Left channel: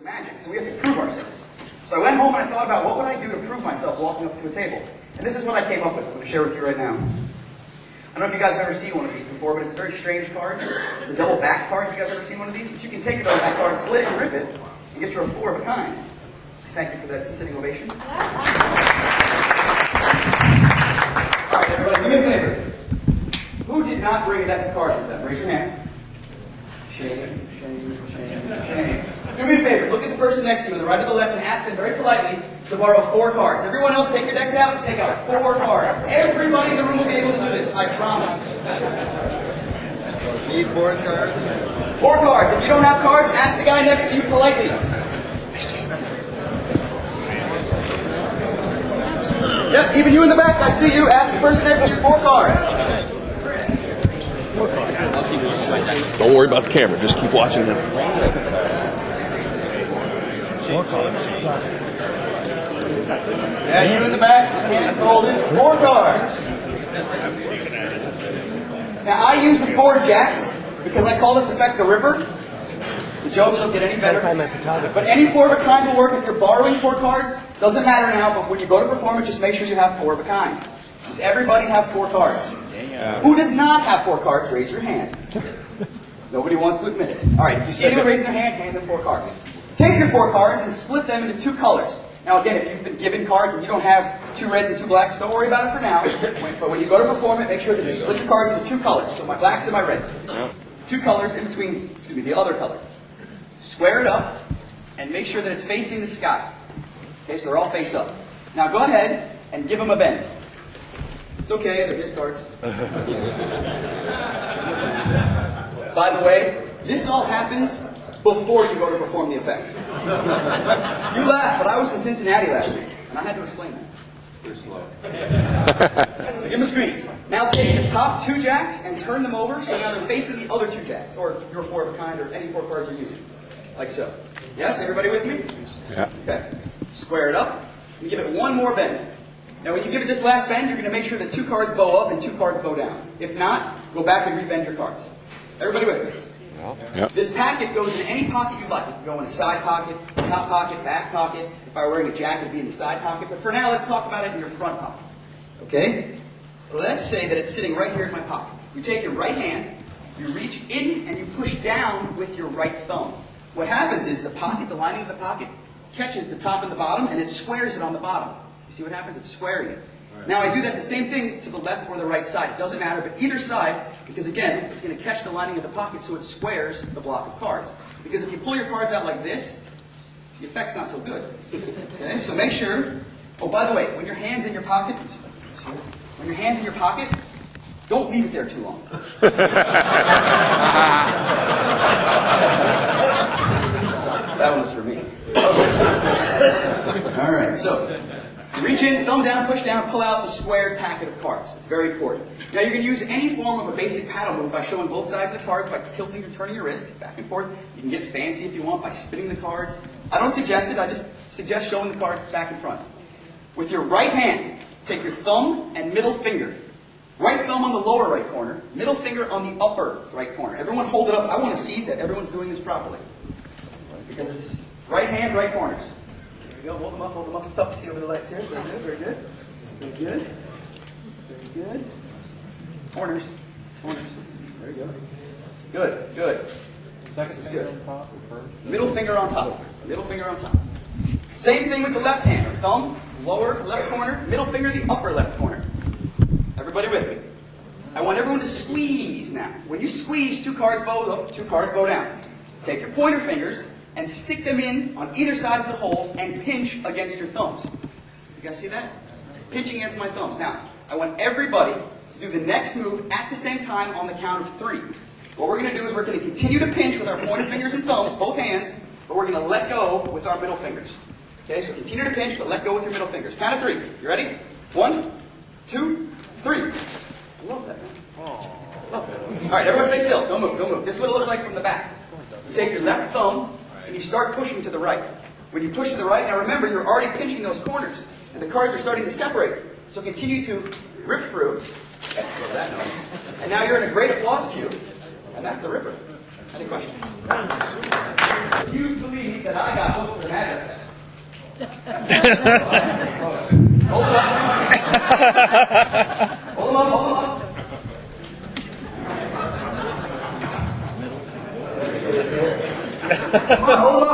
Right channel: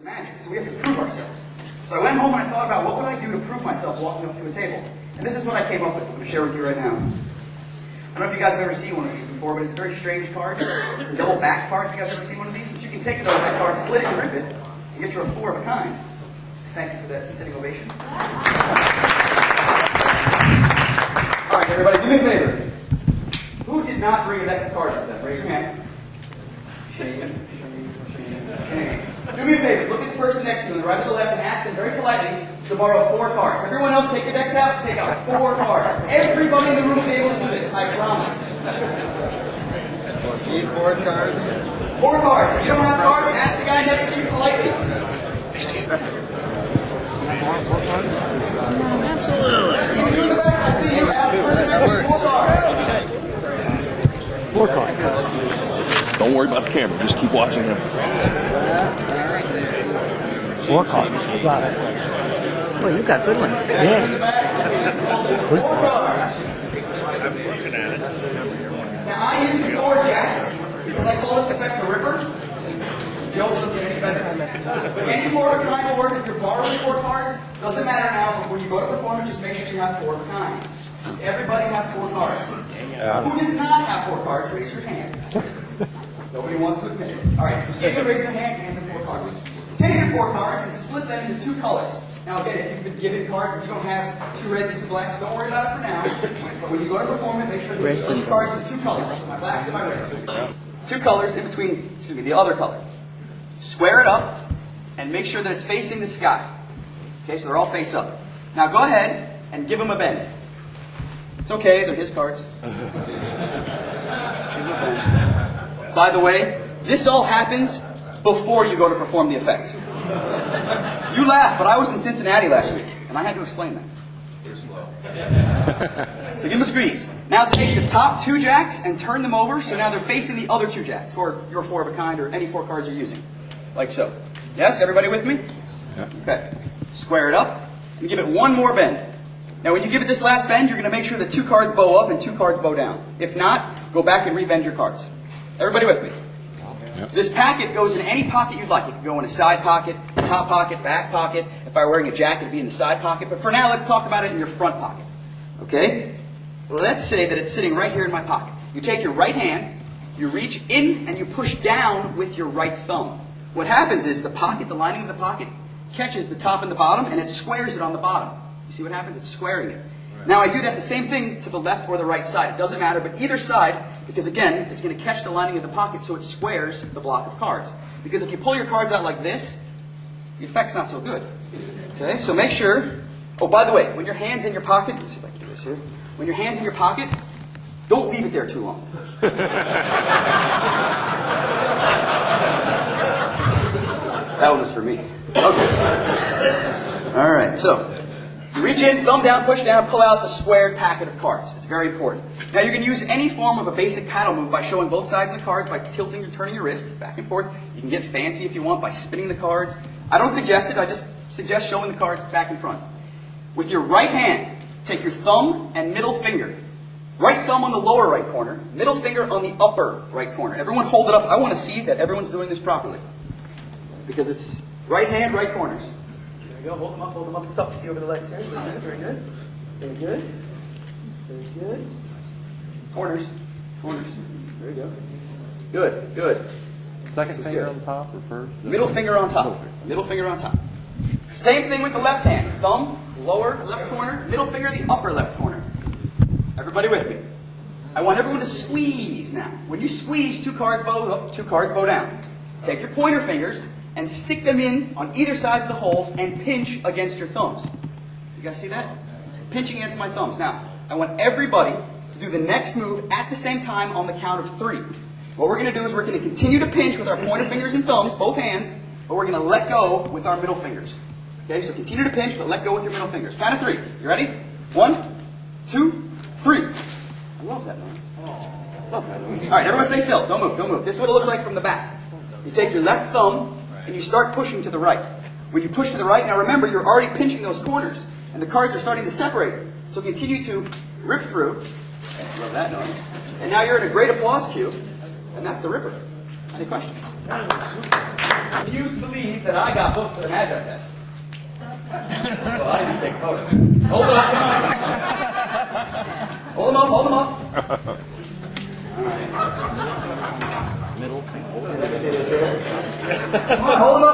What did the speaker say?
to magic, so we have to prove ourselves. So I went home and I thought about what would I do to prove myself walking up to a table. And this is what I came up with. I'm going to share with you right now. I don't know if you guys have ever seen one of these before, but it's a very strange card. It's a double back card. Have you guys ever seen one of these? But you can take a double back card, split it, and rip it, and get you a 4 of a kind. Thank you for that sitting ovation. All right, everybody, do me a favor. Who did not bring a deck of cards with them? Raise your hand. Shame, shame, shame, shame. Do me a favor. Look at the person next to you on the right or the left and ask them very politely to borrow 4 cards. Everyone else, take your decks out and take out 4 cards. Everybody in the room will be able to do this, I promise. Need 4 cards? 4 cards. If you don't have cards, ask the guy next to you politely. Hey, Steve. Absolutely. Yeah, even you in the back, I see you. Ask the person next to you 4 cards. 4 cards. I'll keep looking like that. Don't worry about the camera. Just keep watching. 4 cards. Got it. Oh, you got good ones. Yeah, in the back. Just hold it. 4 cards. Now, I use the 4 jacks because I call this effect the Ripper. The jokes don't get any better. But any 4 of a kind will work if you're borrowing 4 cards. Doesn't matter now, but when you go to perform it, just make sure you have 4 of a kind. Does everybody have 4 cards? Who does not have 4 cards? Raise your hand. Nobody wants to admit it. All right, if you see anyone raising their hand, hand them 4 cards. Take your 4 cards and split them into 2 colors. Now again, if you've been given cards and you don't have 2 reds and 2 blacks, don't worry about it for now. But when you go to perform it, make sure that you split your cards into 2 colors. So my blacks and my reds. 2 colors in between, the other color. Square it up and make sure that it's facing the sky. Okay, so they're all face up. Now go ahead and give them a bend. It's okay, they're his cards. By the way, this all happens before you go to perform the effect. You laugh, but I was in Cincinnati last week, and I had to explain that. So give them a squeeze. Now take the top 2 jacks and turn them over, so now they're facing the other 2 jacks, or your 4 of a kind, or any 4 cards you're using. Like so. Yes, everybody with me? Yeah. Okay. Square it up, and give it 1 more bend. Now when you give it this last bend, you're going to make sure that 2 cards bow up and 2 cards bow down. If not, go back and rebend your cards. Everybody with me? Yep. This packet goes in any pocket you'd like. It can go in a side pocket, top pocket, back pocket. If I were wearing a jacket, it would be in the side pocket. But for now, let's talk about it in your front pocket. Okay? Let's say that it's sitting right here in my pocket. You take your right hand, you reach in, and you push down with your right thumb. What happens is the pocket, the lining of the pocket, catches the top and the bottom, and it squares it on the bottom. You see what happens? It's squaring it. Now I do that the same thing to the left or the right side. It doesn't matter, but either side, because again, it's going to catch the lining of the pocket so it squares the block of cards. Because if you pull your cards out like this, the effect's not so good. Okay, so make sure, oh, by the way, when your hand's in your pocket, let's see if I can do this here. When your hand's in your pocket, don't leave it there too long. That was for me. Okay. All right, so reach in, thumb down, push down, pull out the squared packet of cards. It's very important. Now you're going to use any form of a basic paddle move by showing both sides of the cards, by tilting or turning your wrist back and forth. You can get fancy if you want by spinning the cards. I don't suggest it, I just suggest showing the cards back and front. With your right hand, take your thumb and middle finger. Right thumb on the lower right corner, middle finger on the upper right corner. Everyone hold it up. I want to see that everyone's doing this properly. Because it's right hand, right corners. Here we go. Hold them up. It's tough to see over the legs here. Very good. Very good. Very good. Corners. Very good. Good. Good. Second finger on top or first? Middle finger on top. Middle finger on top. Same thing with the left hand. Thumb, lower left corner. Middle finger, the upper left corner. Everybody with me? I want everyone to squeeze now. When you squeeze, 2 cards bow up, 2 cards bow down. Take your pointer fingers and stick them in on either side of the holes and pinch against your thumbs. You guys see that? Pinching against my thumbs. Now, I want everybody to do the next move at the same time on the count of 3. What we're going to do is we're going to continue to pinch with our pointer fingers and thumbs, both hands, but we're going to let go with our middle fingers. Okay, so continue to pinch, but let go with your middle fingers. Count of 3. You ready? 1, 2, 3. I love that. All right, everyone stay still. Don't move, don't move. This is what it looks like from the back. You take your left thumb and you start pushing to the right. When you push to the right, now remember, you're already pinching those corners, and the cards are starting to separate. So continue to rip through. And now you're in a great applause cue, and that's the Ripper. Any questions? Refuse to believe that I got booked for the Magi test. Hold them up. Hold them up. Middle finger. Come on, hold them